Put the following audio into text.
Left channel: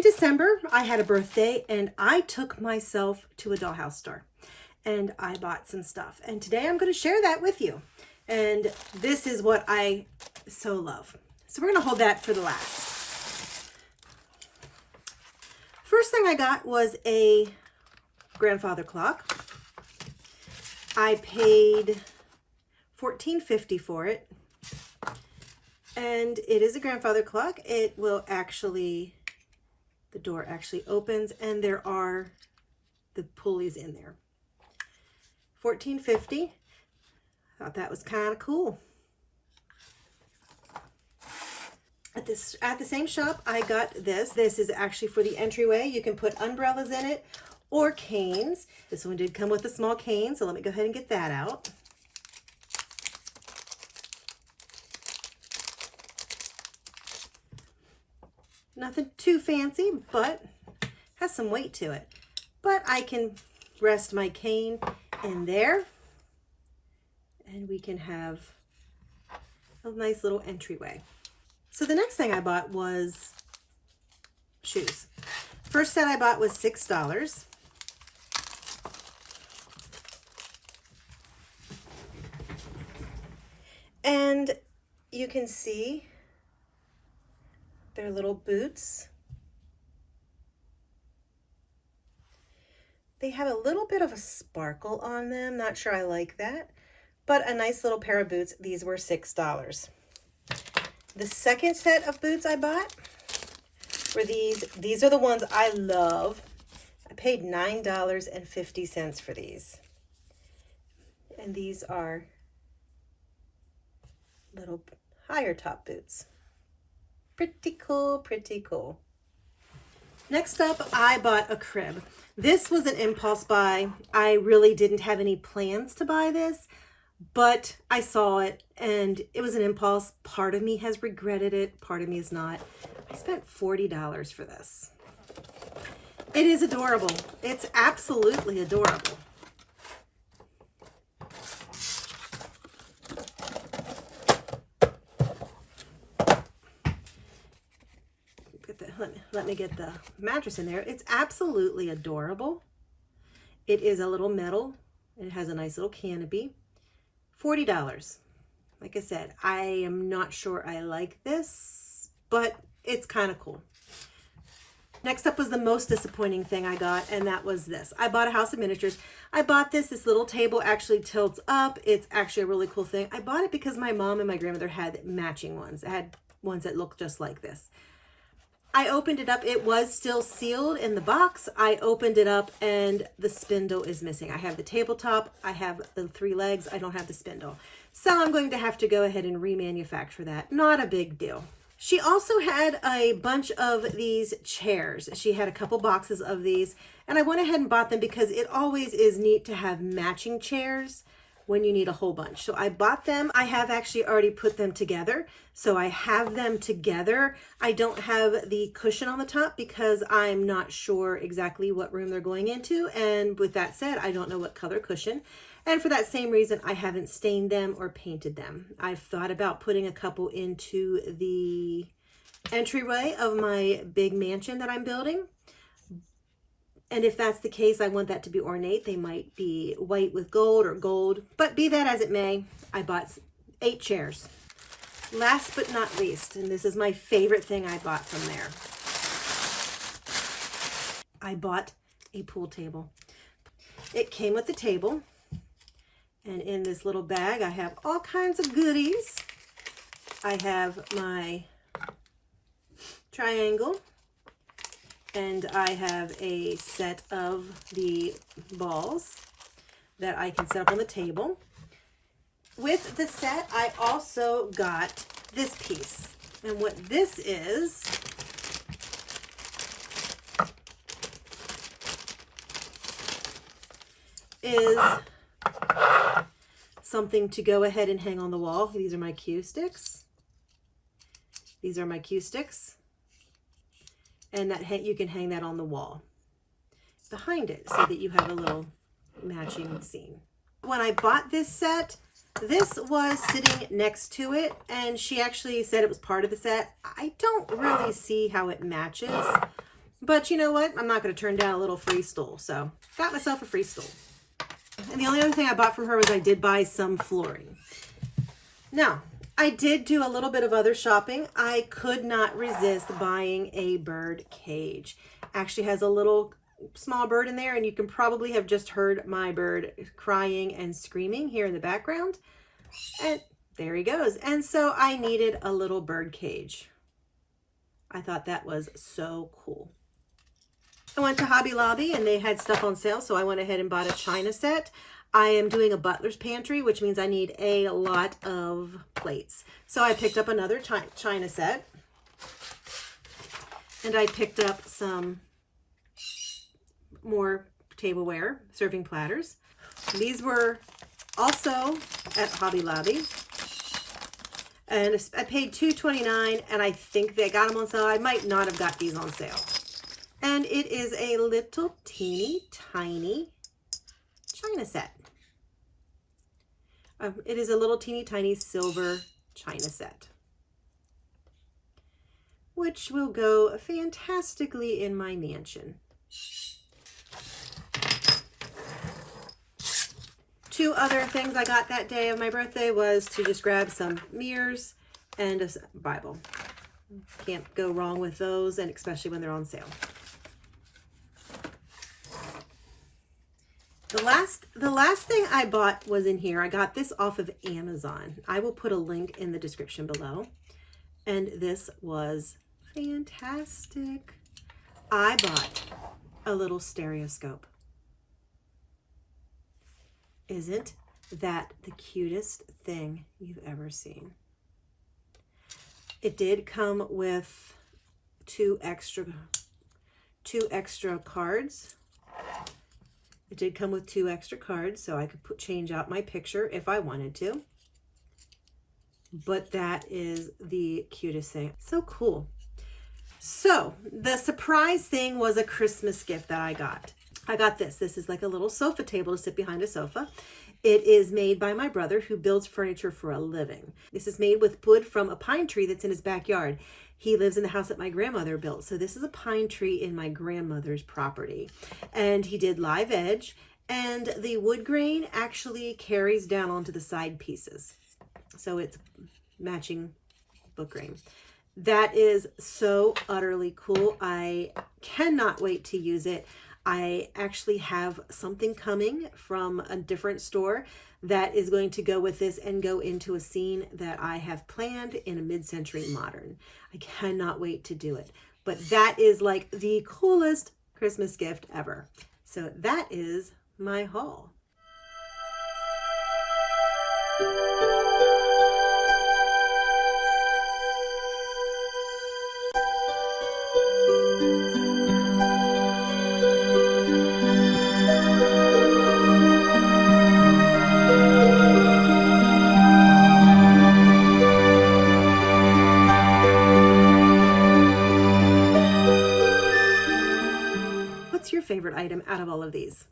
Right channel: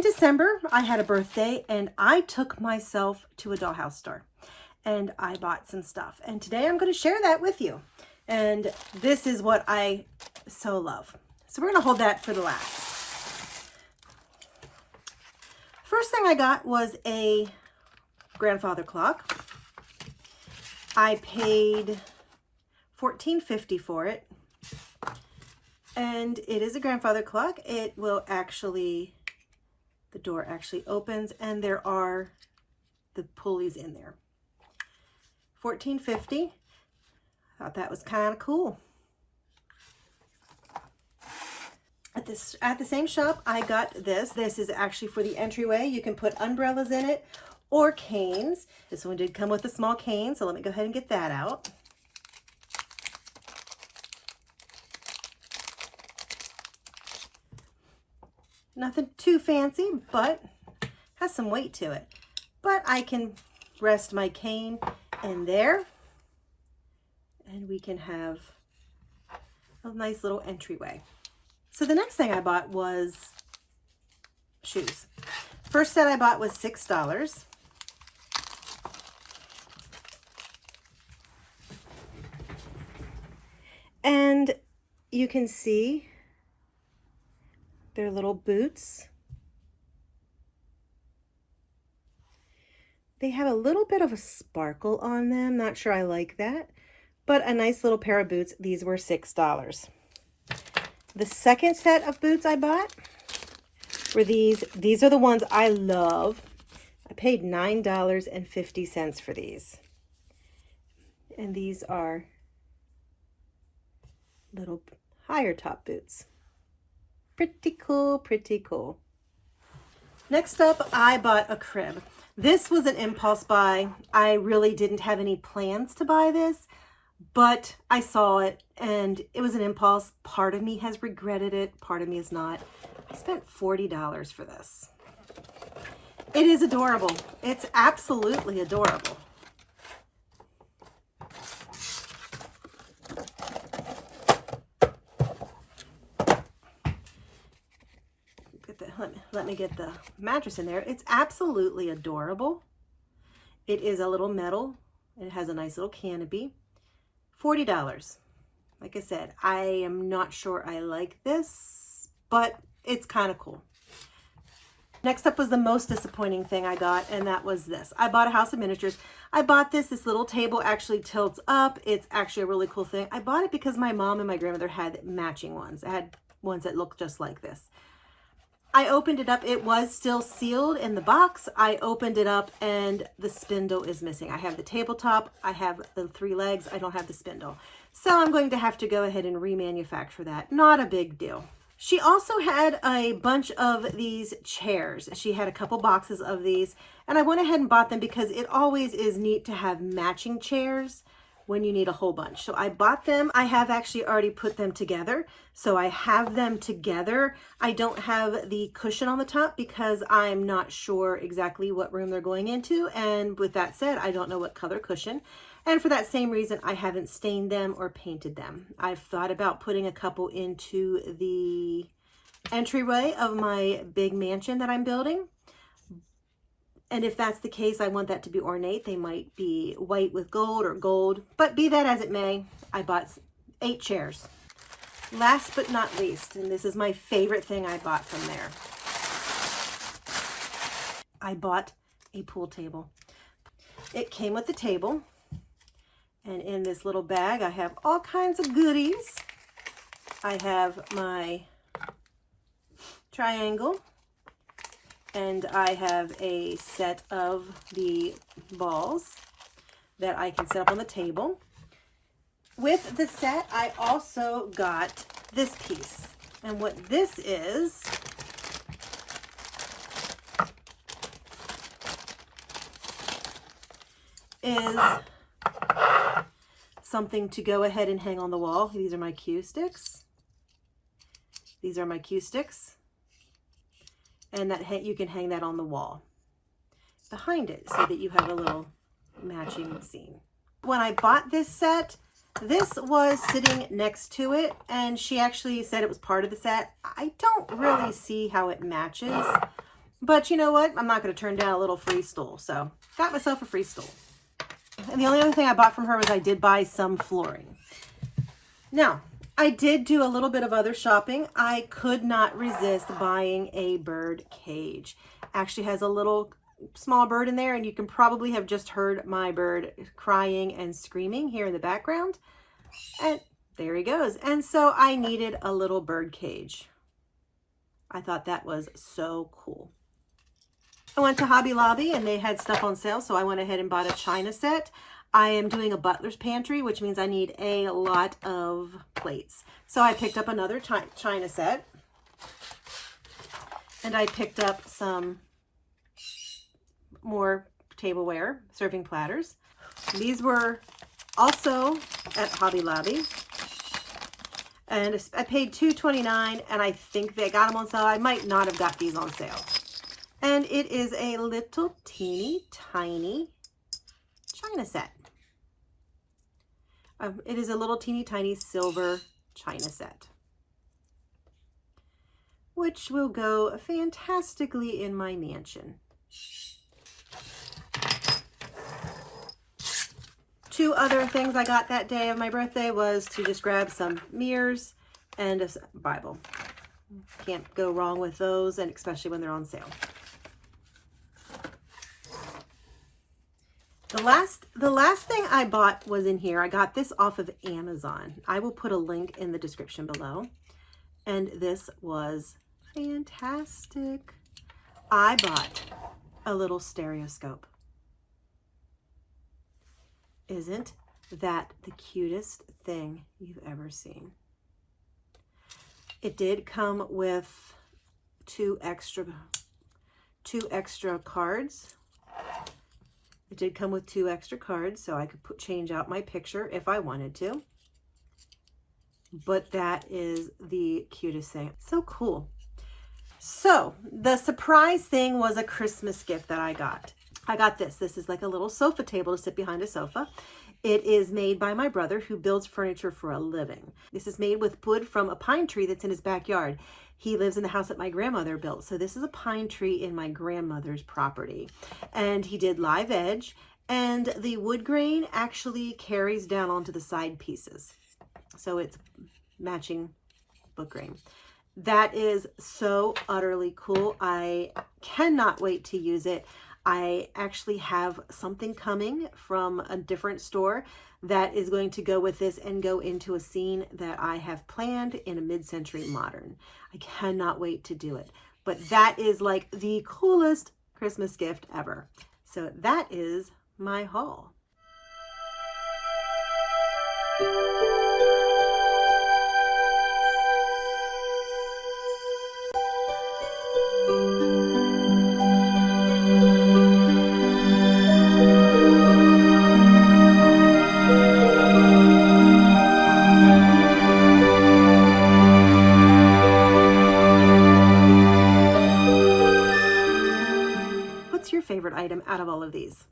In December, I had a birthday and I took myself to a Dollhouse store and I bought some stuff. And today I'm going to share that with you. And this is what I so love. So we're going to hold that for the last. First thing I got was a grandfather clock. I paid $14.50 for it. And it is a grandfather clock. It will actually, the door actually opens and there are the pulleys in there. $14.50. Thought that was kind of cool. At the same shop, I got this. This is actually for the entryway. You can put umbrellas in it or canes. This one did come with a small cane, so let me go ahead and get that out. Nothing too fancy, but has some weight to it. But I can rest my cane in there, and we can have a nice little entryway. So the next thing I bought was shoes. First set I bought was $6. And you can see they're little boots. They have a little bit of a sparkle on them. Not sure I like that, but a nice little pair of boots. These were $6. The second set of boots I bought were these. These are the ones I love. I paid $9.50 for these. And these are little higher top boots. Pretty cool, pretty cool. Next up, I bought a crib. This was an impulse buy. I really didn't have any plans to buy this, but I saw it and it was an impulse. Part of me has regretted it, part of me is not. I spent $40 for this. It is adorable. It's absolutely adorable. Let me get the mattress in there. It's absolutely adorable. It is a little metal. It has a nice little canopy. $40. Like I said, I am not sure I like this, but it's kind of cool. Next up was the most disappointing thing I got, and that was this. I bought a house of miniatures. I bought this. This little table actually tilts up. It's actually a really cool thing. I bought it because my mom and my grandmother had matching ones. I had ones that looked just like this. I opened it up. It was still sealed in the box. I opened it up and the spindle is missing. I have the tabletop. I have the 3 legs. I don't have the spindle. So I'm going to have to go ahead and remanufacture that. Not a big deal. She also had a bunch of these chairs. She had a couple boxes of these, and I went ahead and bought them because it always is neat to have matching chairs when you need a whole bunch. So I bought them. I have actually already put them together. So I have them together. I don't have the cushion on the top because I'm not sure exactly what room they're going into. And with that said, I don't know what color cushion. And for that same reason, I haven't stained them or painted them. I've thought about putting a couple into the entryway of my big mansion that I'm building. And if that's the case, I want that to be ornate. They might be white with gold or gold, but be that as it may, I bought 8 chairs. Last but not least, and this is my favorite thing I bought from there. I bought a pool table. It came with the table, and in this little bag, I have all kinds of goodies. I have my triangle, and I have a set of the balls that I can set up on the table. With the set, I also got this piece. And what this is something to go ahead and hang on the wall. These are my cue sticks. These are my cue sticks. And that you can hang that on the wall behind it so that you have a little matching scene. When I bought this set, this was sitting next to it, and she actually said it was part of the set. I don't really see how it matches, But you know what? I'm not going to turn down a little free stool. So got myself a free stool. And the only other thing I bought from her was I did buy some flooring. Now, I did do a little bit of other shopping. I could not resist buying a bird cage. Actually has a little small bird in there, and you can probably have just heard my bird crying and screaming here in the background. And there he goes. And so I needed a little bird cage. I thought that was so cool. I went to Hobby Lobby and they had stuff on sale, so I went ahead and bought a china set. I am doing a butler's pantry, which means I need a lot of plates. So I picked up another china set, and I picked up some more tableware, serving platters. These were also at Hobby Lobby, and I paid $2.29, and I think they got them on sale. I might not have got these on sale. And it is a little teeny tiny china set. It is a little teeny tiny silver china set, which will go fantastically in my mansion. Two other things I got that day of my birthday was to just grab some mirrors and a Bible. Can't go wrong with those, and especially when they're on sale. The last thing I bought was in here. I got this off of Amazon. I will put a link in the description below. And this was fantastic. I bought a little stereoscope. Isn't that the cutest thing you've ever seen? It did come with two extra cards. It did come with 2 extra cards, so I could change out my picture if I wanted to. But that is the cutest thing. So cool. So the surprise thing was a Christmas gift that I got. I got this. This is like a little sofa table to sit behind a sofa. It is made by my brother, who builds furniture for a living. This is made with wood from a pine tree that's in his backyard. He lives in the house that my grandmother built. So this is a pine tree in my grandmother's property. And he did live edge, and the wood grain actually carries down onto the side pieces. So it's matching wood grain. That is so utterly cool. I cannot wait to use it. I actually have something coming from a different store that is going to go with this and go into a scene that I have planned in a mid-century modern. I cannot wait to do it. But that is like the coolest Christmas gift ever. So that is my haul. What's your favorite item out of all of these?